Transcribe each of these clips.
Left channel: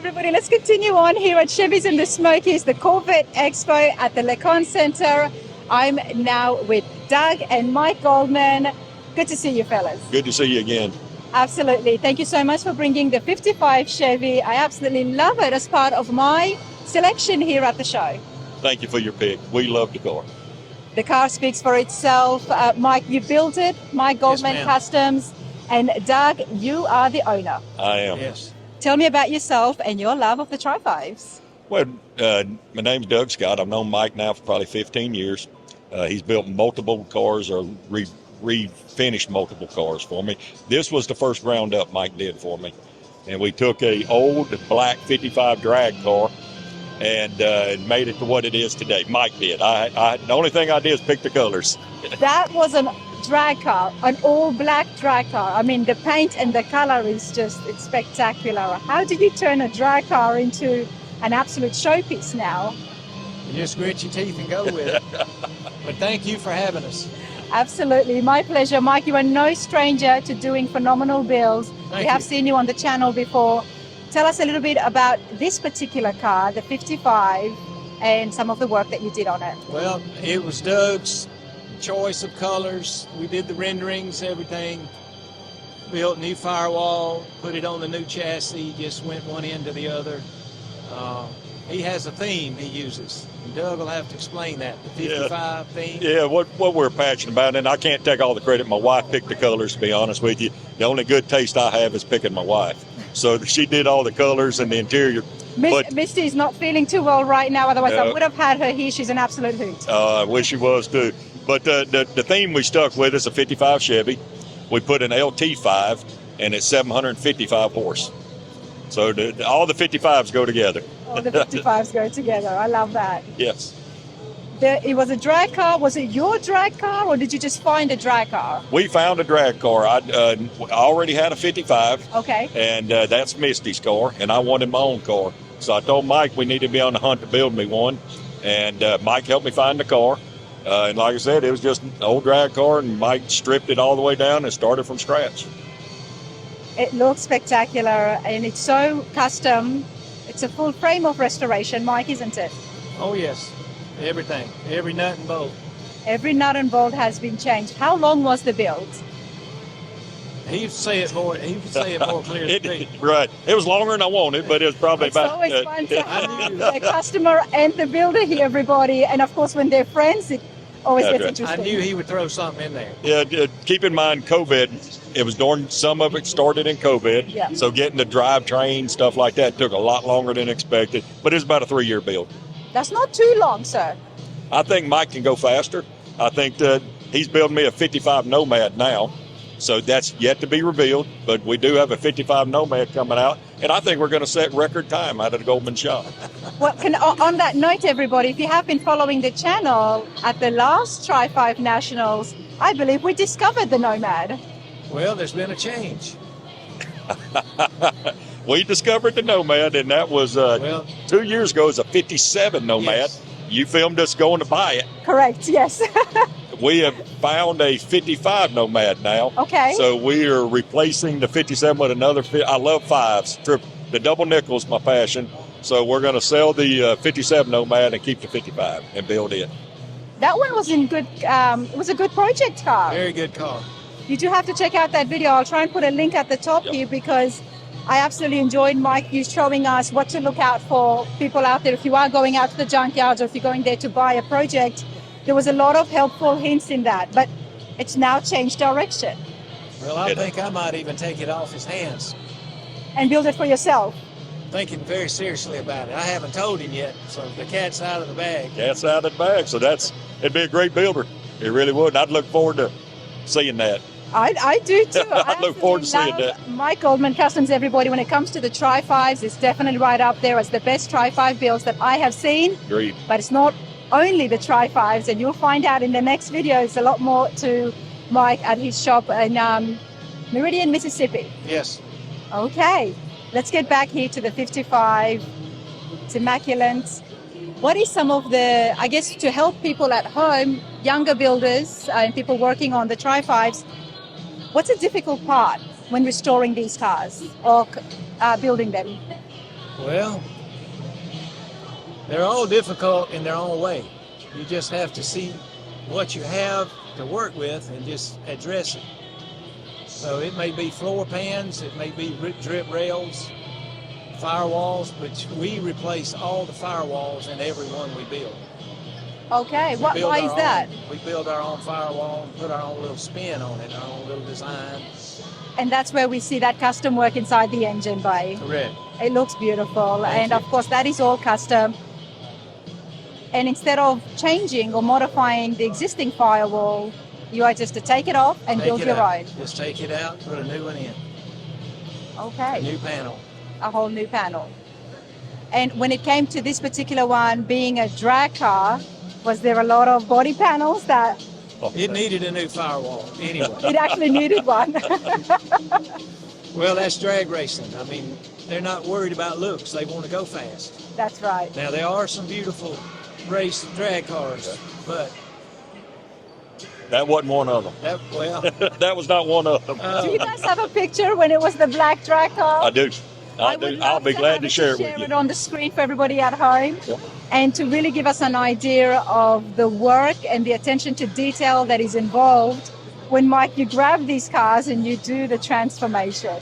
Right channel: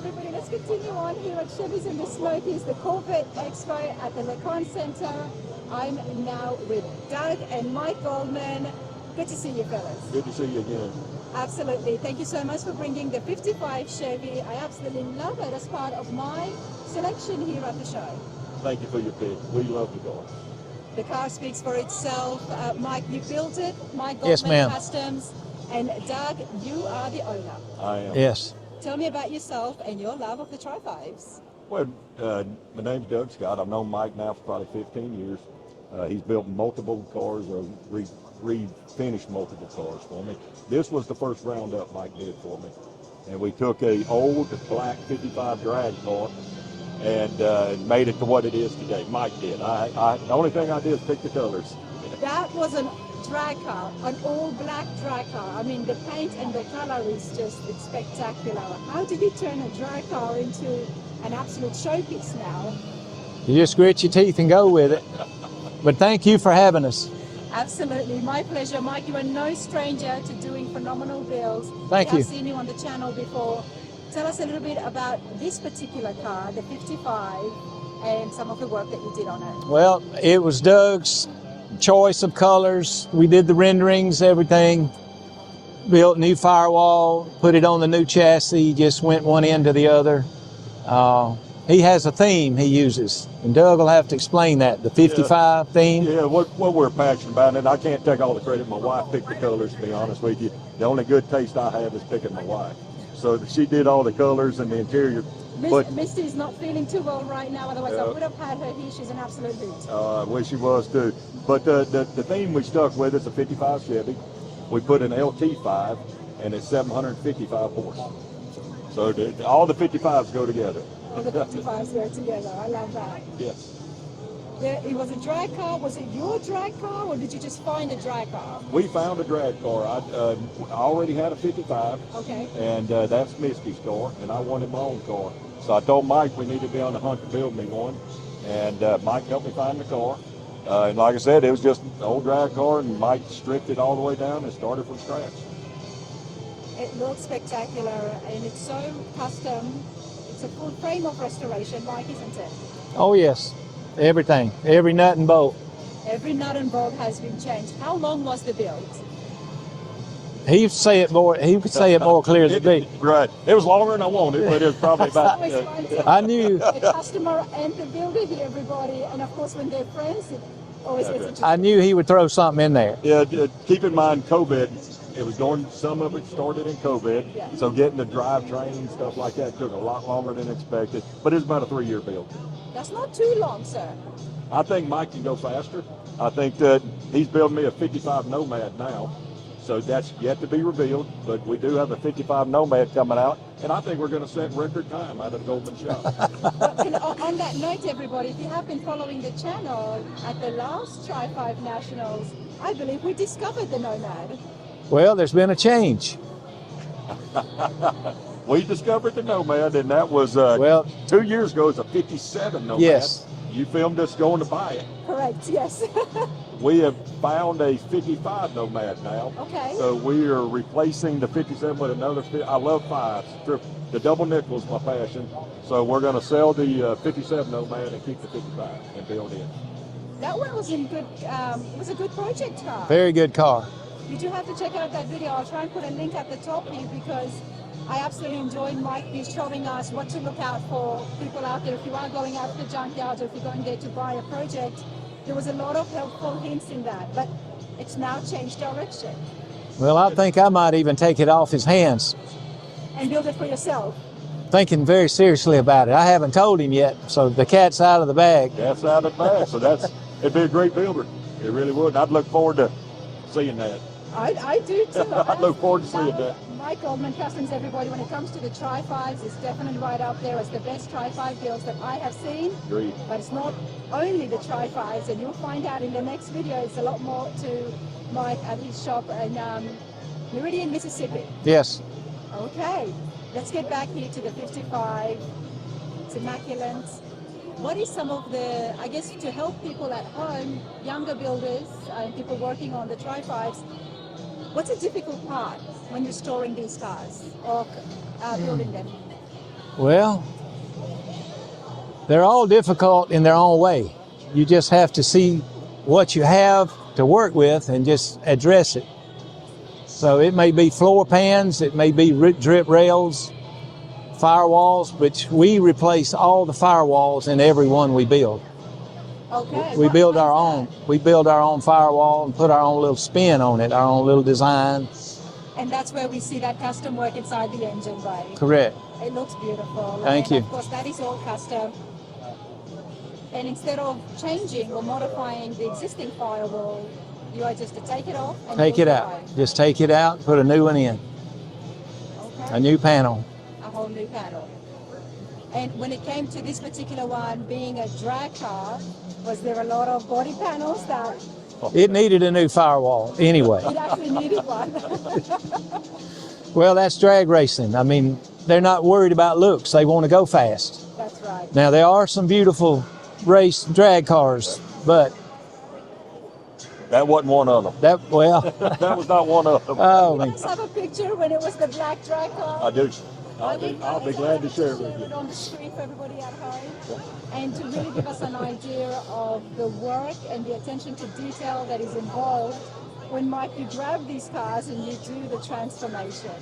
Everybody, let's continue on here at Chevy's and the Smokies, the Corvette Expo at the Cont Centre. I'm now with Doug and Mike Goldman. Good to see you, fellas. Good to see you again. Absolutely. Thank you so much for bringing the 55 Chevy. I absolutely love it as part of my selection here at the show. Thank you for your pick. We love the car. The car speaks for itself. Mike, you built it. Mike Goldman Yes, Customs. And Doug, you are the owner. I am. Yes. Tell me about yourself and your love of the Tri-5s. Well, my name's Doug Scott. I've known Mike now for probably 15 years. He's built multiple cars or refinished multiple cars for me. This was the first ground up Mike did for me. And we took a old black 55 drag car and made it to what it is today. Mike did. The only thing I did is pick the colors. That was a drag car, an all-black drag car. I mean, the paint and the color is it's spectacular. How did you turn a drag car into an absolute showpiece now? You just grit your teeth and go with it. But thank you for having us. Absolutely, my pleasure. Mike, you are no stranger to doing phenomenal builds. Thank we have you. seen you on the channel before. Tell us a little bit about this particular car, the 55, and some of the work that you did on it. Well, it was Doug's choice of colors. We did the renderings, everything. Built new firewall, put it on the new chassis, just went one end to the other. He has a theme he uses, and Doug will have to explain that, the 55 theme. Yeah, what we're passionate about, and I can't take all the credit. My wife picked the colors, to be honest with you. The only good taste I have is picking my wife. So she did all the colors and the interior. Misty's not feeling too well right now, otherwise I would have had her here. She's an absolute hoot. I wish she was too. But the theme we stuck with is a 55 Chevy. We put an LT5 and it's 755 horse. So all the 55s go together. All the 55s go together. I love that. Yes. It was a drag car. Was it your drag car, or did you just find a drag car? We found a drag car. I already had a 55. Okay. And that's Misty's car, and I wanted my own car. So I told Mike we needed to be on the hunt to build me one. And Mike helped me find the car. And like I said, it was just an old drag car, and Mike stripped it all the way down and started from scratch. It looks spectacular, and it's so custom. It's a full frame of restoration, Mike, isn't it? Oh yes, everything, every nut and bolt. Every nut and bolt has been changed. How long was the build? He would say it more clear than me. Right. It was longer than I wanted, but it was probably It's about. always fun to I have knew- the customer and the builder here, everybody. And of course, when they're friends, it always That's gets right. interesting. I knew he would throw something in there. Yeah, keep in mind COVID. It was during, some of it started in COVID. Yeah. So getting the drivetrain, stuff like that, took a lot longer than expected. But it was about a 3-year build. That's not too long, sir. I think Mike can go faster. I think that he's building me a 55 Nomad now. So that's yet to be revealed, but we do have a 55 Nomad coming out, and I think we're going to set record time out of the Goldman shop. Well, on that note, everybody, if you have been following the channel, at the last Tri-5 Nationals, I believe we discovered the Nomad. Well, there's been a change. We discovered the Nomad, and that was 2 years ago. It was a 57 Nomad. Yes. You filmed us going to buy it. Correct, yes. We have found a 55 Nomad now. Okay. So we are replacing the 57 with another. I love fives. The double nickel is my passion. So we're going to sell the 57 Nomad and keep the 55 and build it. That one was in good. Was a good project car. Very good car. You do have to check out that video. I'll try and put a link at the top here because I absolutely enjoyed Mike you showing us what to look out for. People out there, if you are going out to the junkyards or if you're going there to buy a project, there was a lot of helpful hints in that, but it's now changed direction. Well, I think I might even take it off his hands. And build it for yourself. Thinking very seriously about it. I haven't told him yet, so the cat's out of the bag. Cat's out of the bag. So it'd be a great builder. It really would. I'd look forward to seeing that. I do too. I look forward to seeing that. Mike Goldman Customs, everybody, when it comes to the Tri-5s, it's definitely right up there as the best Tri-5 builds that I have seen. Agreed. But it's not only the Tri-5s, and you'll find out in the next video, it's a lot more to Mike at his shop in Meridian, Mississippi. Yes. Okay, let's get back here to the 55. It's immaculate. What is some of the, I guess, to help people at home, younger builders and people working on the Tri-5s, what's a difficult part when restoring these cars or building them? Well, they're all difficult in their own way. You just have to see what you have to work with and just address it. So it may be floor pans, it may be drip rails, firewalls, which we replace all the firewalls in every one we build. Okay, We build why our is that? own. We build our own firewall and put our own little spin on it, our own little design. And that's where we see that custom work inside the engine bay. Correct. It looks beautiful. Thank and of you. course, that is all custom. And instead of changing or modifying the existing firewall, you are just to take it off and Take build it your out. own. Just take it out, put a new one in, Okay. a new panel. A whole new panel. And when it came to this particular one being a drag car, was there a lot of body panels that It needed a new firewall anyway. it actually needed one? Well, that's drag racing. I mean, they're not worried about looks. They want to go fast. That's right. Now, there are some beautiful race drag cars, but That wasn't one of them. that That was not one of them. Do you guys have a picture when it was the black drag car? I do. I would I'll love be glad to share it with share you. it on the screen for everybody at home. Yep. And to really give us an idea of the work and the attention to detail that is involved when, Mike, you grab these cars and you do the transformation.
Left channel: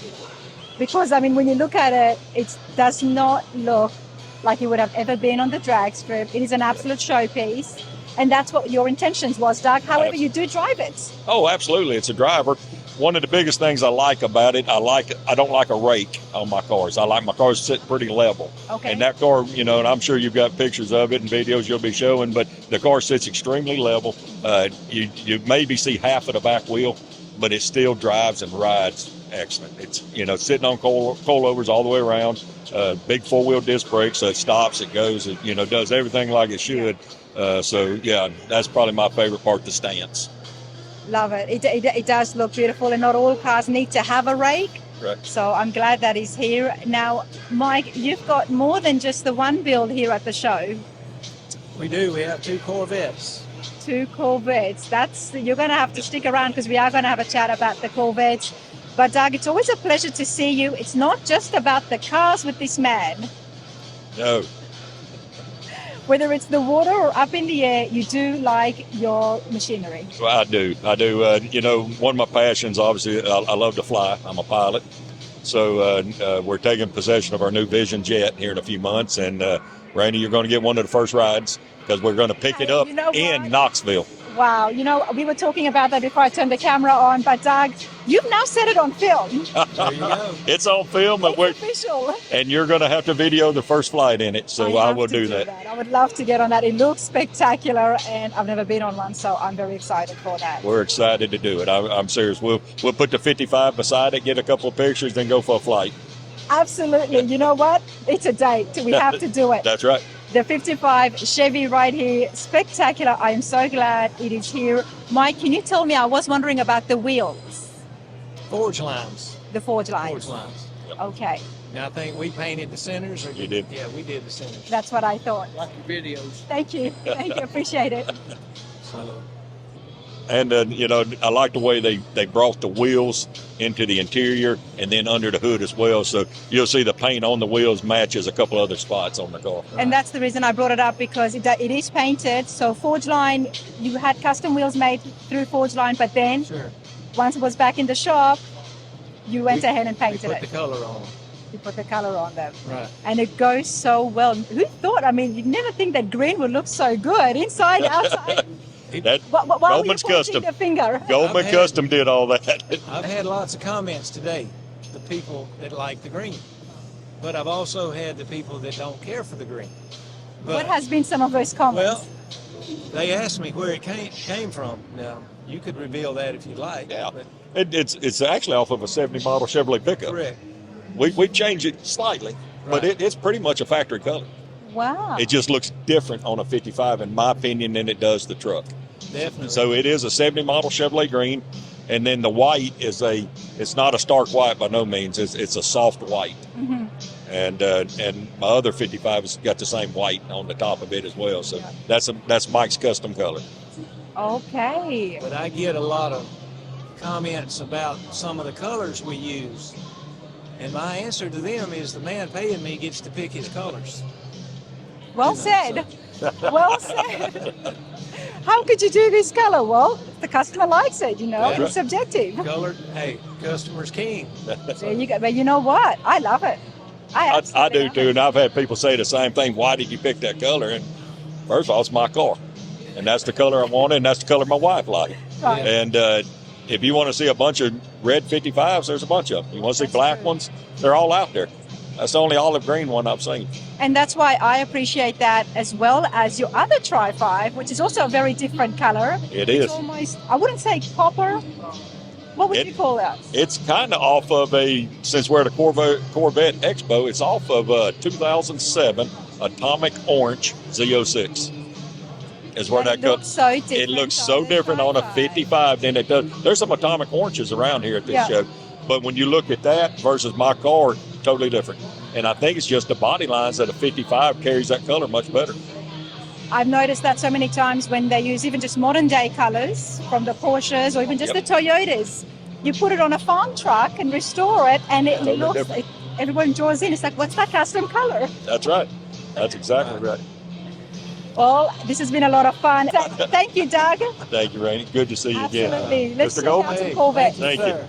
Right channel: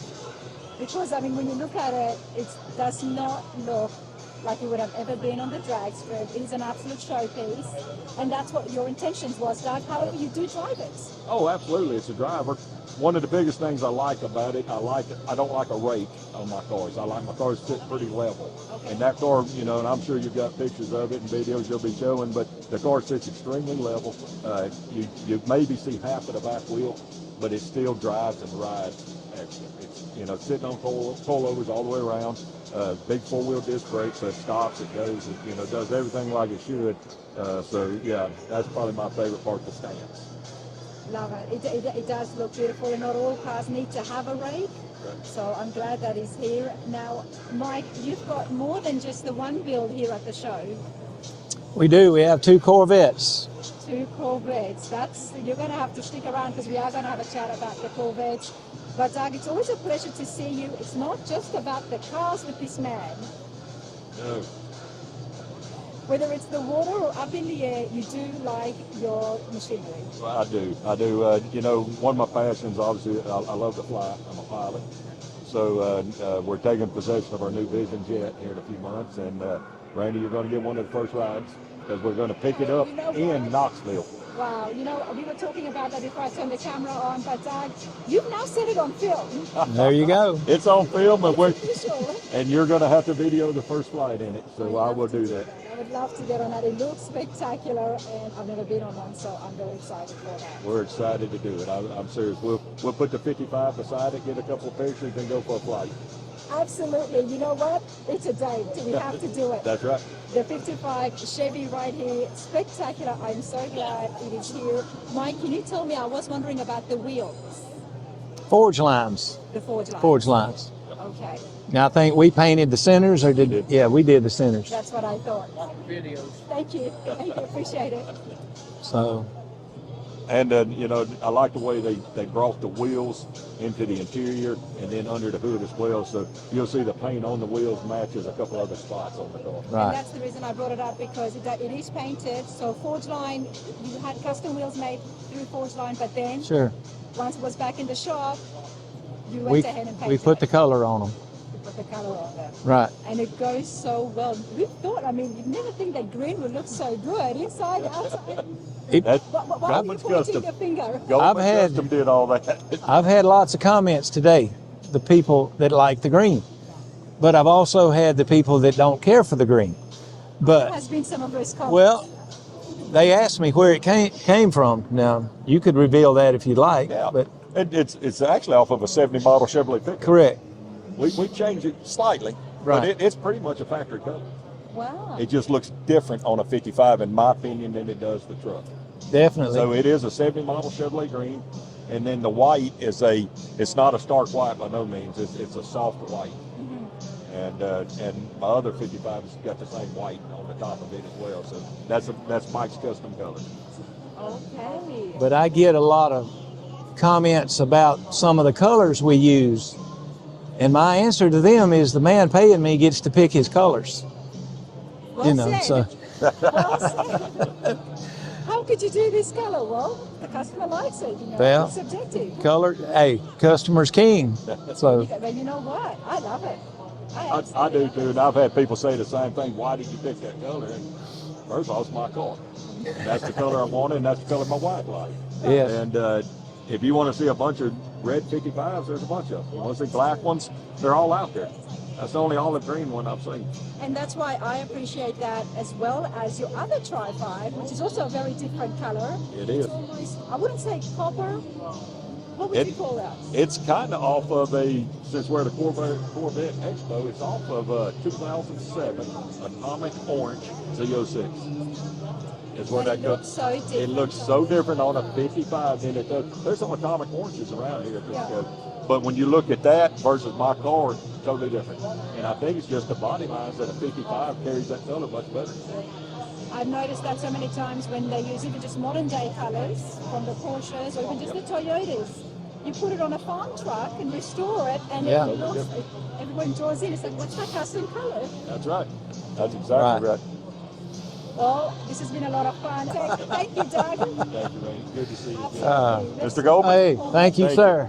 Because, I mean, when you look at it, it does not look like you would have ever been on the drag strip. It is an absolute showpiece. And that's what your intentions was, Doug. However, you do drive it. Oh, absolutely. It's a driver. One of the biggest things I like about it, I don't like a rake on my cars. I like my cars sit pretty level. Okay. And that car, you know, and I'm sure you've got pictures of it and videos you'll be showing, but the car sits extremely level. You maybe see half of the back wheel, but it still drives and rides excellent. It's, you know, sitting on coilovers all the way around, big four-wheel disc brakes, so it stops, it goes, it, you know, does everything like it should. So, yeah, that's probably my favorite part, the stance. Love it. It does look beautiful, and not all cars need to have a rake. Correct. So I'm glad that is here. Now, Mike, you've got more than just the one build here at the show. we do. We have 2 Corvettes. 2 Corvettes. You're going to have to stick around because we are going to have a chat about the Corvettes. But Doug, it's always a pleasure to see you. It's not just about the cars with this man. No. Whether it's the water or up in the air, you do like your machinery. Well, I do. You know, one of my passions, obviously, I love to fly. I'm a pilot. So we're taking possession of our new Vision jet here in a few months. And Randy, you're going to get one of the first rides because we're going to pick it up You know in what? Knoxville. Wow, you know, we were talking about that before I turned the camera on, but Doug, you've now set it on film. There you go. It's on film, but It's official. and you're going to have to video the first flight in it. So I have will to do that. I would love to get on that. It looks spectacular, and I've never been on one, so I'm very excited for that. We're excited to do it. I'm serious. We'll put the 55 beside it, get a couple of pictures, then go for a flight. Absolutely. You know what? It's a date. We have to do it. That's right. The 55 Chevy right here, spectacular. I am so glad it is here. Mike, can you tell me, I was wondering about the wheels, Forge lines. the forge lines. Forge lines. Okay, Now, I think we painted the centers, or did? did. Yeah, we did the centers. that's what I thought. Videos. Thank you. Thank you. Appreciate it. So, And, you know, I like the way they brought the wheels into the interior and then under the hood as well. So you'll see the paint on the wheels matches a couple other spots on the car. right. And that's the reason I brought it up, because it is painted. So Forge Line, you had custom wheels made through Forge Line, but then Sure. once it was back in the shop, you went ahead and We painted put it. the color on them. You put the color on them. Right. And it goes so well. Who thought? I mean, you'd never think that green would look so good inside, outside. That Why were you Goldman's pointing Custom. the finger? Goldman I've had- Custom did all that. I've had lots of comments today, the people that like the green. But I've also had the people that don't care for the green. What But, has been some of those comments? well, they asked me where it came from. Now, you could reveal that if you'd like. Yeah. But It's actually off of a 70 model Chevrolet pickup. correct. We changed it slightly, but Right. it's pretty much a factory color. Wow. It just looks different on a 55, in my opinion, than it does the truck. Definitely. So it is a 70 model Chevrolet green, and then the white is it's not a stark white by no means. It's a soft white, Mhm. and my other 55 has got the same white on the top of it as well. So that's Mike's custom color. Okay. But I get a lot of comments about some of the colors we use. And my answer to them is the man paying me gets to pick his colors. Well You know, said. so- Well said. How could you do this color? Well, the customer likes it, Well, it's subjective. Color, hey, customer's king. So, But you know what? I love it. I absolutely do love too, it. and I've had people say the same thing. Why did you pick that color? And first of all, it's my car, and that's the color I wanted, and that's the color my wife liked. yeah. And if you want to see a bunch of red 55s, there's a bunch of them. You want to see black ones? They're all out there. That's the only olive green one I've seen. And that's why I appreciate that, as well as your other Tri-5, which is also a very different color. It It's is. almost, I wouldn't say copper. What would you call that? It's kind of off of since we're at a Corvette Expo, it's off of a 2007 Atomic Orange Z06. Is where that It goes. looks so different. It looks so different on a 55 than it does. There's some Atomic Oranges around here at this Yeah. show. But when you look at that versus my car, totally different. And I think it's just the body lines that a 55 carries that color much better. I've noticed that so many times when they use even just modern day colors from the Porsches or even just Yep. the Toyotas. You put it on a farm truck and restore it, and Yeah. it looks like everyone draws in. It's like, what's that custom color? That's right. That's exactly right. Well, this has been a lot of fun. Thank you, Doug. Thank you, Rainey. Good to see you again. Absolutely. Let's Mr. check Goldman? out Hey, Corvette. thank you, Thank you. sir.